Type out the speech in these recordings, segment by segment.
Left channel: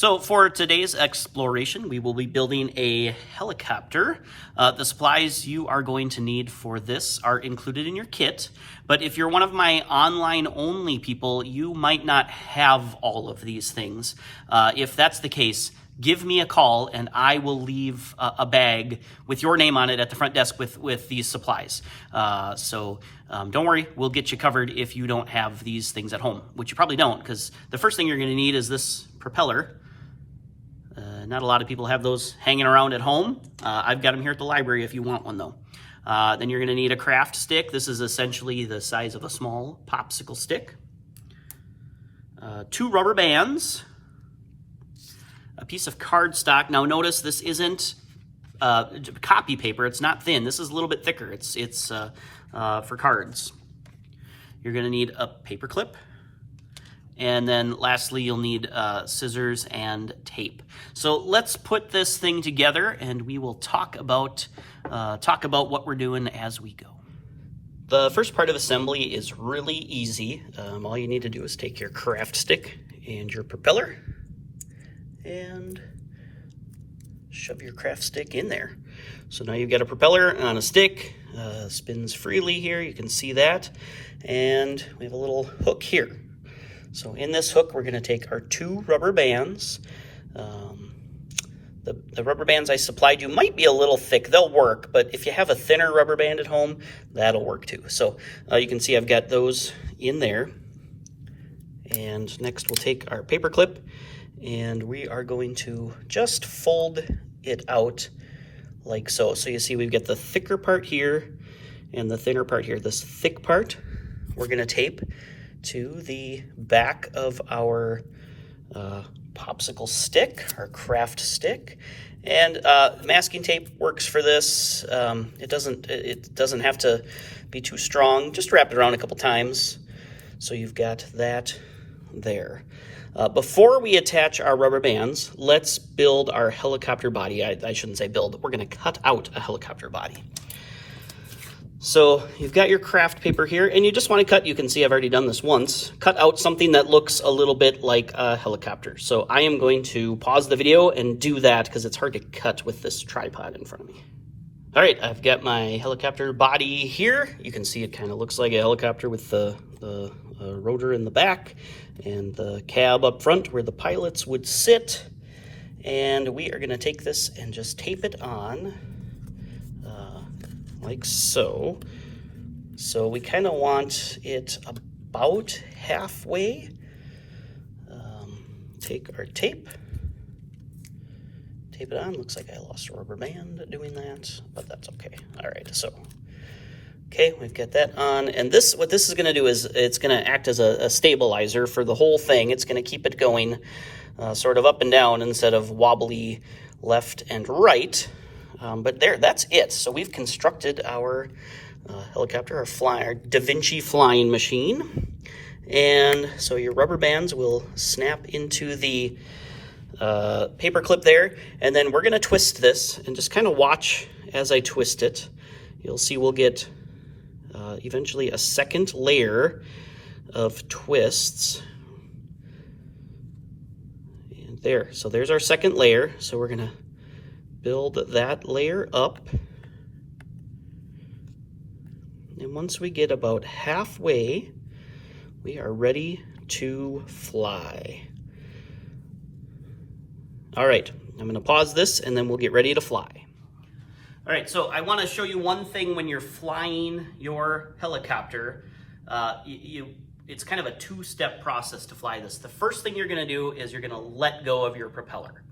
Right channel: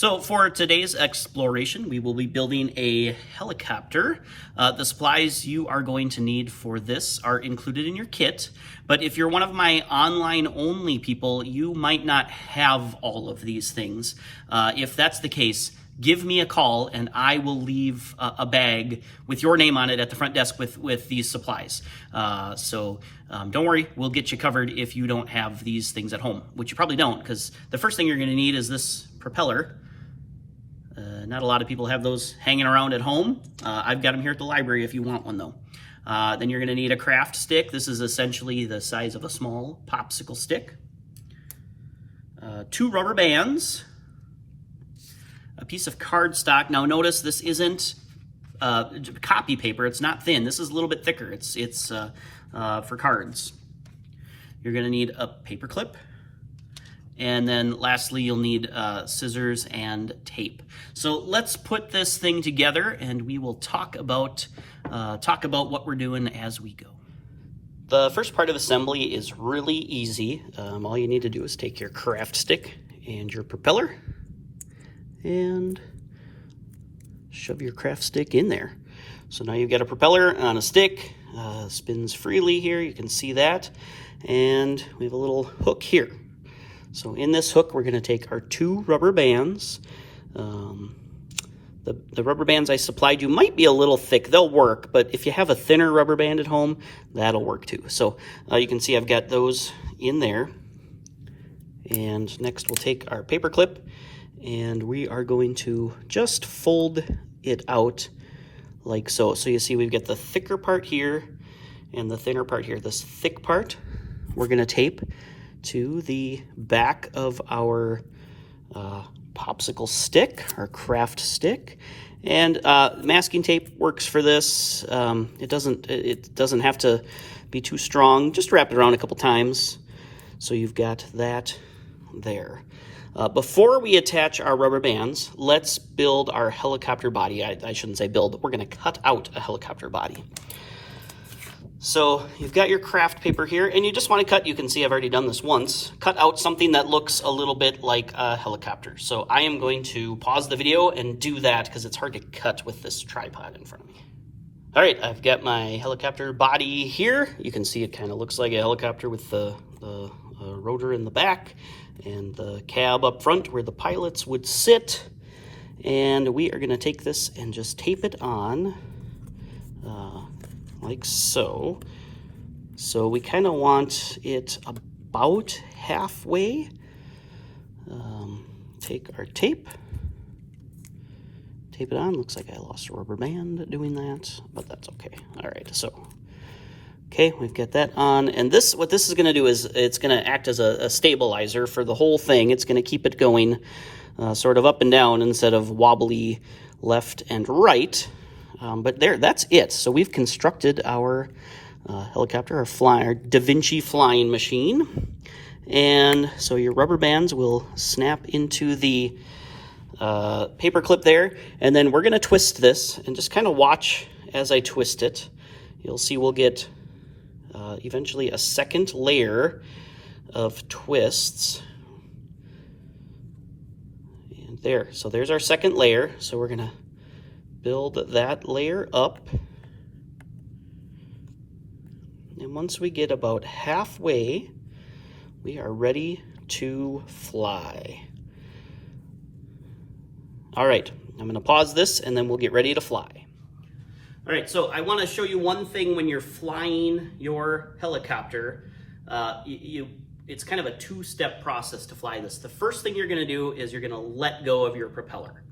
So for today's exploration, we will be building a helicopter. The supplies you are going to need for this are included in your kit, but if you're one of my online only people, you might not have all of these things. If that's the case, give me a call and I will leave a bag with your name on it at the front desk with these supplies. Don't worry, we'll get you covered if you don't have these things at home, which you probably don't, because the first thing you're going to need is this propeller. Not a lot of people have those hanging around at home. I've got them here at the library if you want one though. Then you're going to need a craft stick. This is essentially the size of a small popsicle stick. 2 rubber bands. A piece of cardstock. Now notice this isn't copy paper. It's not thin. This is a little bit thicker. It's for cards. You're going to need a paper clip. And then lastly, you'll need scissors and tape. So let's put this thing together and we will talk about what we're doing as we go. The first part of assembly is really easy. All you need to do is take your craft stick and your propeller and shove your craft stick in there. So now you've got a propeller on a stick, spins freely here, you can see that. And we have a little hook here. So in this hook, we're gonna take our 2 rubber bands. The rubber bands I supplied you might be a little thick, they'll work, but if you have a thinner rubber band at home, that'll work too. So you can see I've got those in there. And next we'll take our paper clip and we are going to just fold it out like so. So you see we've got the thicker part here and the thinner part here. This thick part we're gonna tape to the back of our popsicle stick, our craft stick. And masking tape works for this. It doesn't have to be too strong. Just wrap it around a couple times. So you've got that there. Before we attach our rubber bands, let's build our helicopter body. I shouldn't say build, we're gonna cut out a helicopter body. So you've got your craft paper here and you just want to cut, you can see I've already done this once, cut out something that looks a little bit like a helicopter. So I am going to pause the video and do that because it's hard to cut with this tripod in front of me. All right, I've got my helicopter body here. You can see it kind of looks like a helicopter with the rotor in the back and the cab up front where the pilots would sit. And we are going to take this and just tape it on. Like so. So we kind of want it about halfway. Take our tape, tape it on. Looks like I lost a rubber band doing that, but that's okay. All right, so, okay, we've got that on. And this, what this is gonna do is it's gonna act as a stabilizer for the whole thing. It's gonna keep it going sort of up and down instead of wobbly left and right. But there, that's it. So we've constructed our helicopter, our Da Vinci flying machine. And so your rubber bands will snap into the paper clip there. And then we're gonna twist this and just kind of watch as I twist it. You'll see we'll get eventually a second layer of twists. And there, so there's our second layer. So we're gonna build that layer up. And once we get about halfway, we are ready to fly. All right, I'm gonna pause this and then we'll get ready to fly. All right, so I wanna show you one thing when you're flying your helicopter. It's kind of a 2-step process to fly this. The first thing you're gonna do is you're gonna let go of your propeller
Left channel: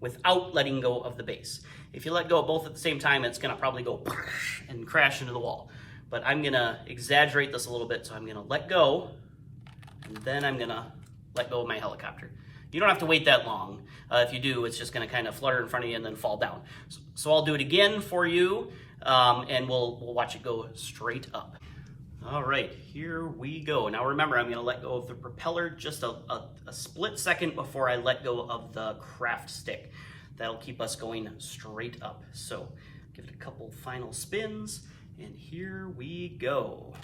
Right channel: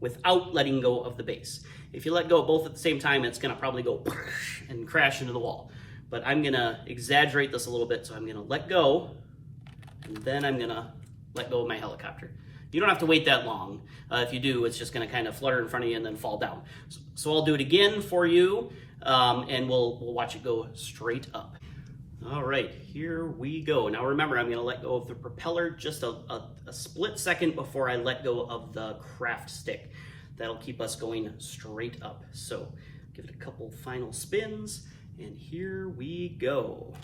without letting go of the base. If you let go of both at the same time, it's gonna probably go and crash into the wall. But I'm gonna exaggerate this a little bit, so I'm gonna let go, and then I'm gonna let go of my helicopter. You don't have to wait that long. If you do, it's just gonna kind of flutter in front of you and then fall down. So I'll do it again for you, and we'll watch it go straight up. All right, here we go. Now remember, I'm gonna let go of the propeller just a split second before I let go of the craft stick. That'll keep us going straight up. So give it a couple final spins, and here we go.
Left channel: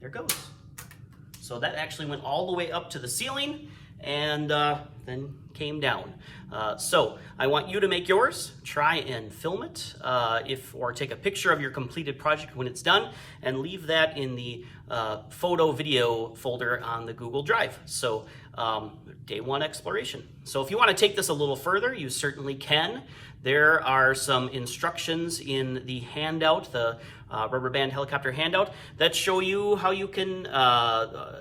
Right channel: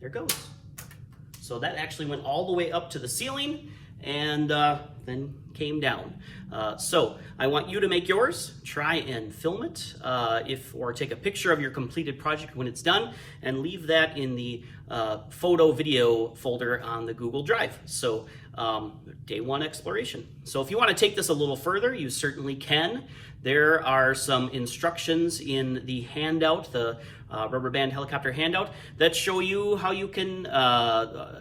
There it goes. So that actually went all the way up to the ceiling, and then came down. So I want you to make yours, try and film it, or take a picture of your completed project when it's done, and leave that in the photo video folder on the Google Drive. So day one exploration. So if you want to take this a little further, you certainly can. There are some instructions in the handout, the rubber band helicopter handout, that show you how you can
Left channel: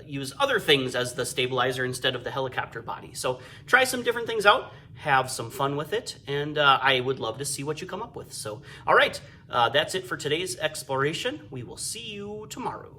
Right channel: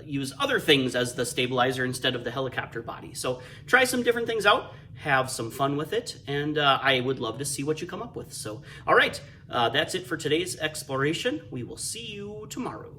use other things as the stabilizer instead of the helicopter body. So try some different things out, have some fun with it, and I would love to see what you come up with. So, all right, that's it for today's exploration. We will see you tomorrow.